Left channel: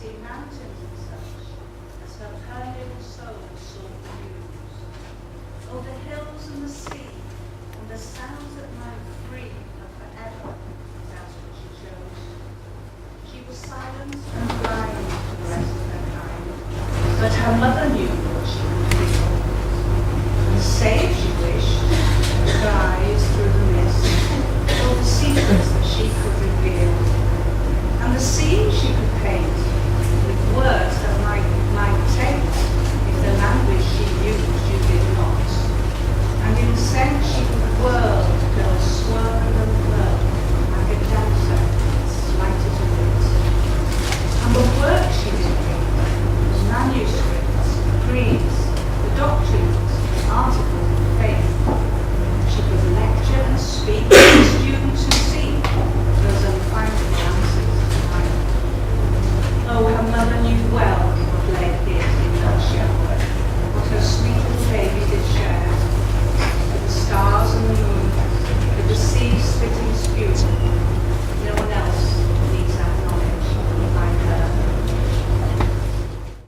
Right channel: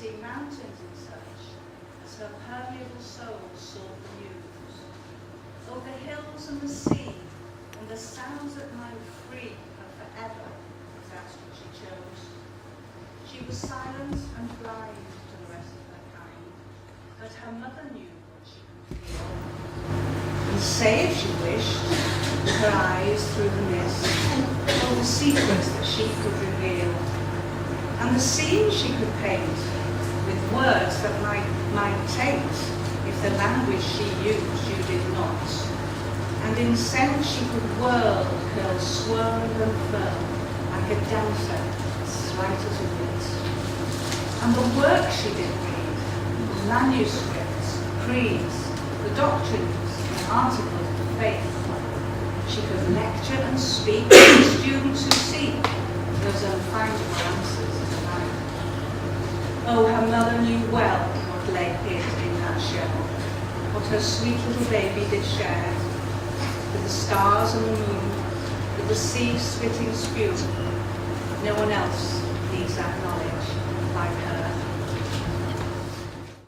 see mountains and such, as her little soul sought views. Oh, the hills and the sea, and the sounds that might free her forever, that's what she chose. She was silent and blind to the rest of her kind, but her mother knew what she would